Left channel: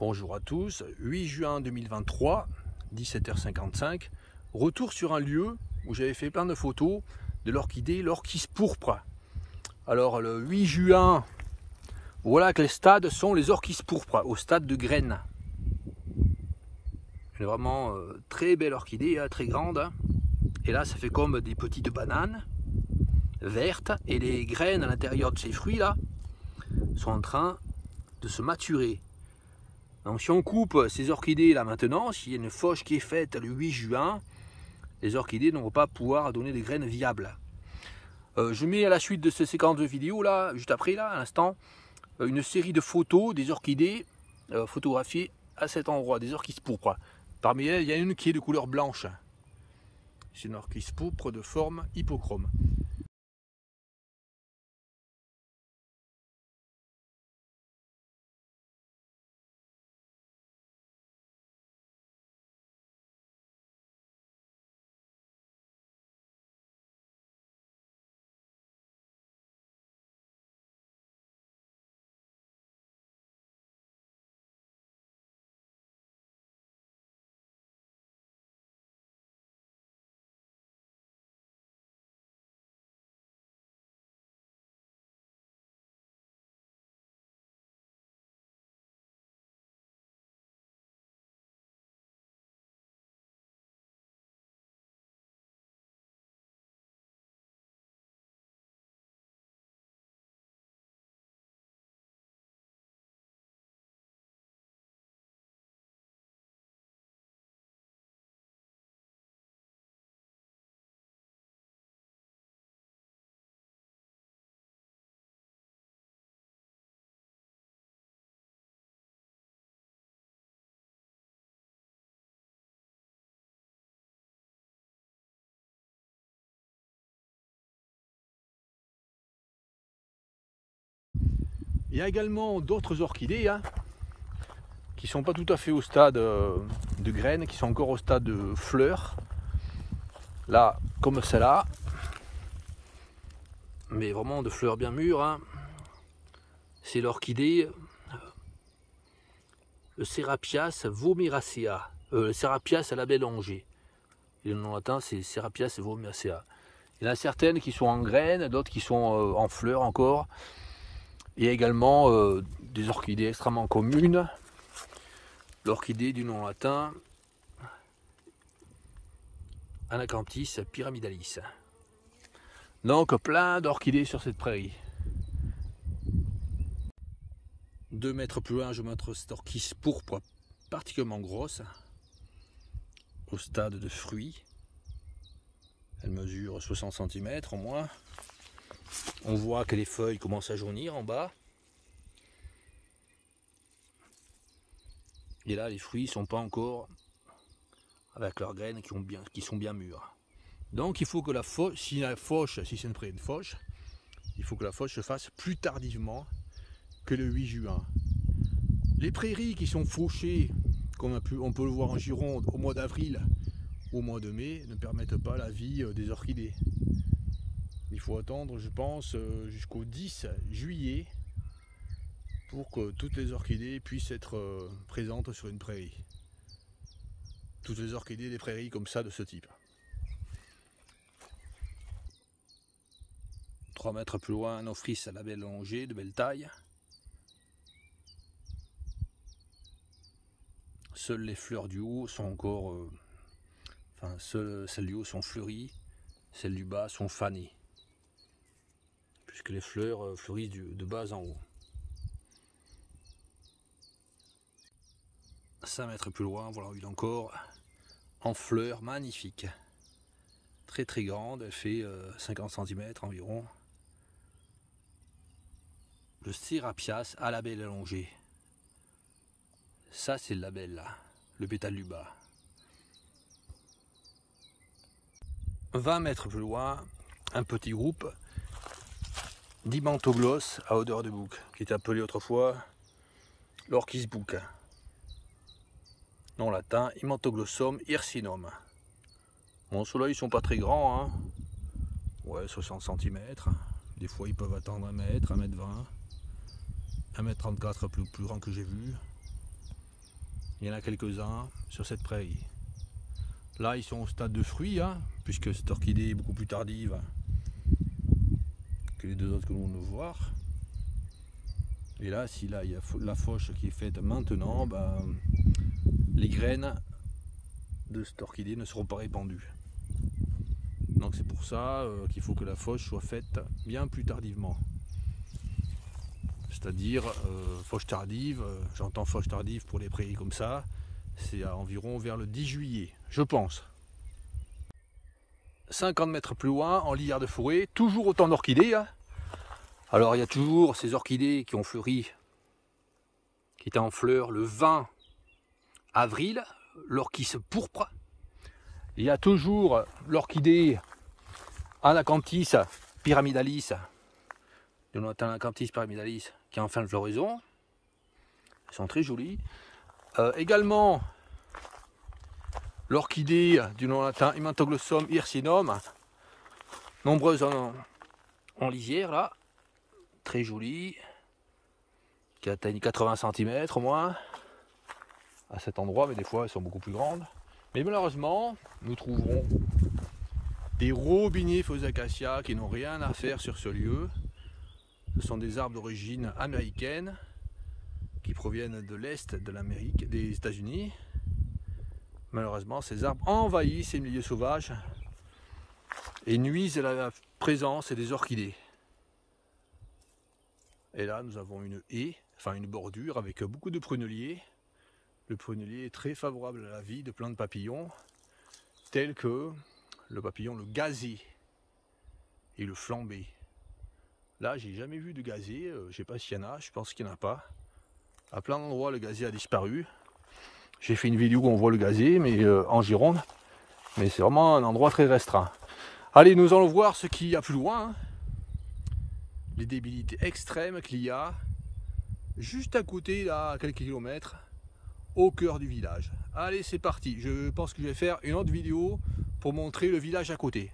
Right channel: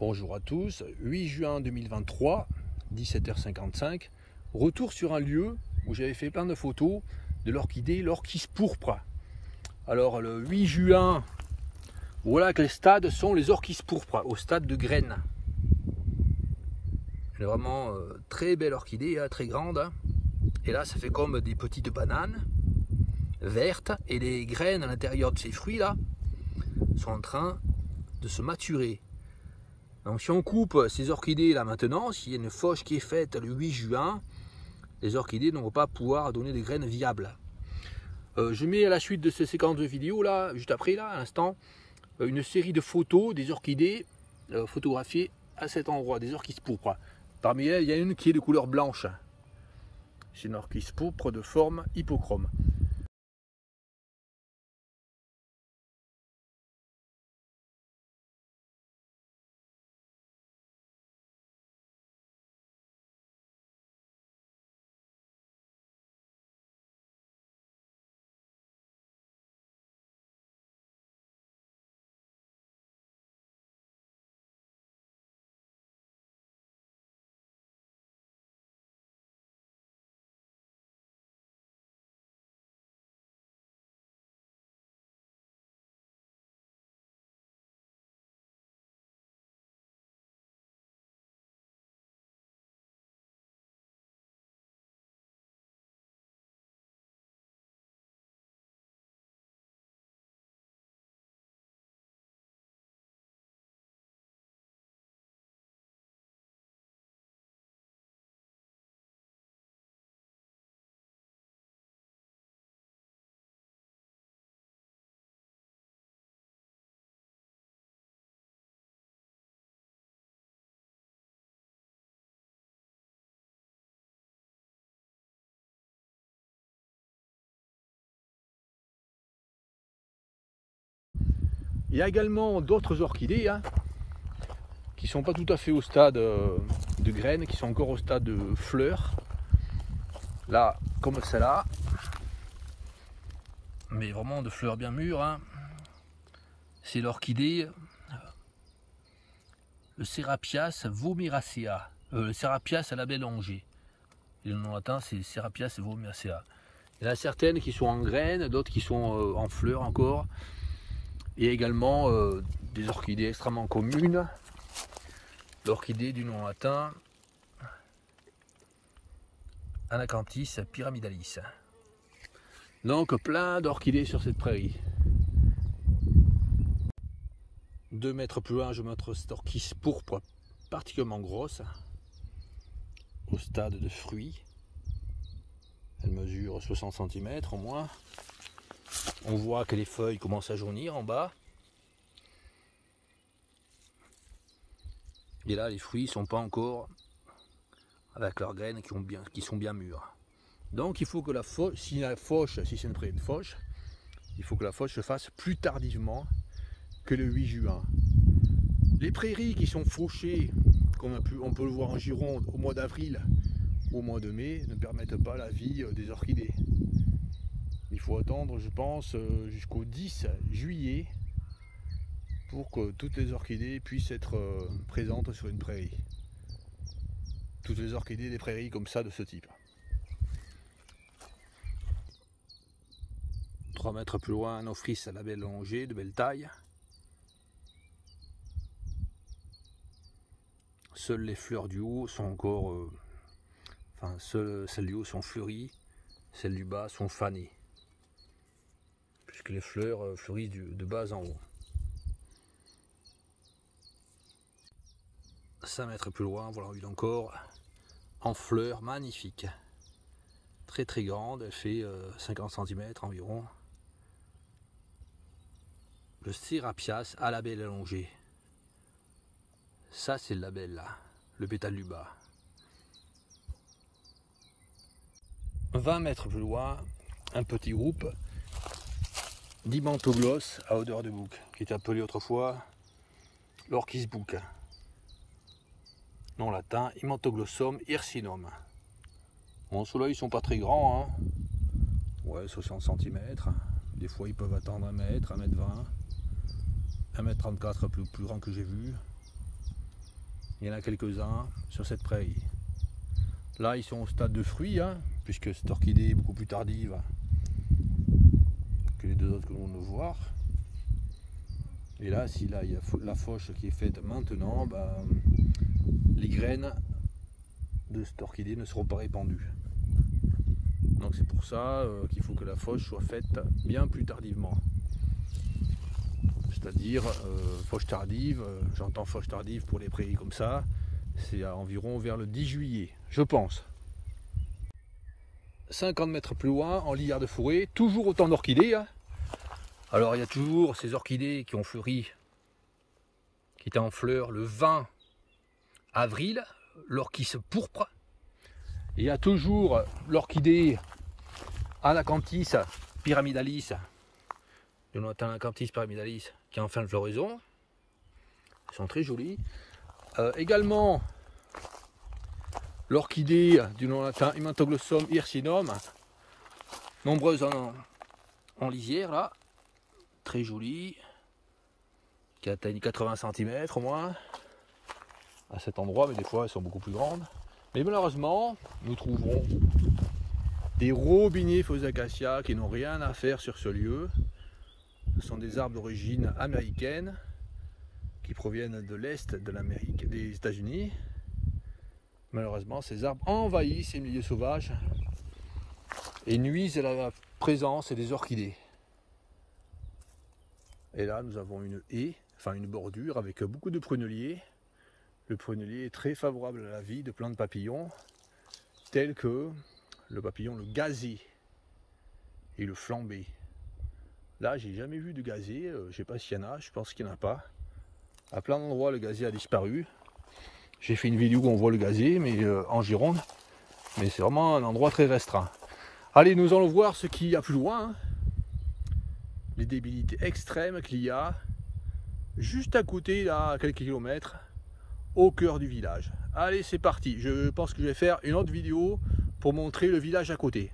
Bonjour à tous, 8 juin 2023, 17h55, retour sur un lieu où j'avais fait plein de photos de l'orchidée, l'orchis pourpre. Alors le 8 juin, voilà que les stades sont les orchis pourpres, au stade de graines. C'est vraiment très belle orchidée, hein, très grande. Hein. Et là ça fait comme des petites bananes vertes et les graines à l'intérieur de ces fruits là sont en train de se maturer. Donc si on coupe ces orchidées là maintenant, s'il y a une fauche qui est faite le 8 juin, les orchidées ne vont pas pouvoir donner des graines viables. Je mets à la suite de cette séquence de vidéos là, juste après là, à l'instant, une série de photos des orchidées photographiées à cet endroit, des orchis pourpres. Parmi elles, il y a une qui est de couleur blanche. C'est une orchis pourpre de forme hypochrome. Il y a également d'autres orchidées hein, qui ne sont pas tout à fait au stade de graines, qui sont encore au stade de fleurs. Là, comme celle-là, mais vraiment de fleurs bien mûres. Hein. C'est l'orchidée, le Serapias vomiracea, le Serapias à la bellongée. Le nom latin, c'est Serapias vomiracea. Il y en a certaines qui sont en graines, d'autres qui sont en fleurs encore. Il y a également des orchidées extrêmement communes. L'orchidée du nom latin, Anacanthis pyramidalis. Donc plein d'orchidées sur cette prairie. 2 mètres plus loin, je montre cette orchis pourpre particulièrement grosse, au stade de fruits. Elle mesure 60 cm au moins. On voit que les feuilles commencent à jaunir en bas. Et là, les fruits ne sont pas encore avec leurs graines qui sont bien mûres. Donc il faut que la fauche, si c'est une prairie de fauche, il faut que la fauche se fasse plus tardivement que le 8 juin. Les prairies qui sont fauchées, comme on peut le voir en Gironde, au mois d'avril ou au mois de mai, ne permettent pas la vie des orchidées. Il faut attendre, je pense, jusqu'au 10 juillet pour que toutes les orchidées puissent être présentes sur une prairie. Toutes les orchidées des prairies comme ça, de ce type. 3 mètres plus loin, un ophrys à la bellongée, de belle taille. Seules les fleurs du haut sont encore... seules celles du haut sont fleuries, celles du bas sont fanées. Puisque les fleurs fleurissent de bas en haut. 5 mètres plus loin, voilà une encore en fleurs, magnifique. Très très grande, elle fait 50 cm environ. Le Serapias à la belle allongée. Ça c'est le label là, le pétale du bas. 20 mètres plus loin, un petit groupe d'Himantogloss à odeur de bouc, qui est appelé autrefois l'orchis bouc. Nom latin, Himantoglossum hircinum. Bon, ceux-là ils sont pas très grands, hein. Ouais, 60 cm. Des fois ils peuvent atteindre 1 mètre, 1 mètre 20, 1 mètre 34 plus grand que j'ai vu. il y en a quelques-uns sur cette prairie. Là, ils sont au stade de fruits, hein, puisque cette orchidée est beaucoup plus tardive que les deux autres que l'on va voir. Et là, si là, il y a la fauche qui est faite maintenant, ben, les graines de cette orchidée ne seront pas répandues. Donc c'est pour ça qu'il faut que la fauche soit faite bien plus tardivement. C'est-à-dire fauche tardive, j'entends fauche tardive pour les prairies comme ça, c'est environ vers le 10 juillet, je pense. 50 mètres plus loin, en lisière de forêt, toujours autant d'orchidées. Hein. Alors il y a toujours ces orchidées qui ont fleuri, qui étaient en fleurs le 20 avril, l'orchis pourpre. Il y a toujours l'orchidée Anacanthis pyramidalis, Jonathan Anacanthis pyramidalis, qui est en fin de floraison. Elles sont très jolies. Également l'orchidée du Jonathan Hemantoglossum hirsinum, nombreuses en lisière là, très jolies, qui atteignent 80 cm au moins à cet endroit, mais des fois elles sont beaucoup plus grandes. Mais malheureusement, nous trouverons des robiniers Fausacacia qui n'ont rien à faire sur ce lieu. Ce sont des arbres d'origine américaine qui proviennent de l'Est de l'Amérique, des États-Unis. Malheureusement, ces arbres envahissent ces milieux sauvages et nuisent à la présence des orchidées. Et là, nous avons une haie, enfin une bordure avec beaucoup de pruneliers. Le prunelier est très favorable à la vie de plein de papillons, tels que le papillon le gazé et le flambé. Là, j'ai jamais vu de gazé, je ne sais pas s'il y en a, je pense qu'il n'y en a pas. À plein d'endroits, le gazé a disparu. J'ai fait une vidéo où on voit le gazé, mais en Gironde. Mais c'est vraiment un endroit très restreint. Allez, nous allons voir ce qu'il y a plus loin. Hein. Les débilités extrêmes qu'il y a juste à côté, là, à quelques kilomètres, au cœur du village. Allez, c'est parti. Je pense que je vais faire une autre vidéo pour montrer le village à côté.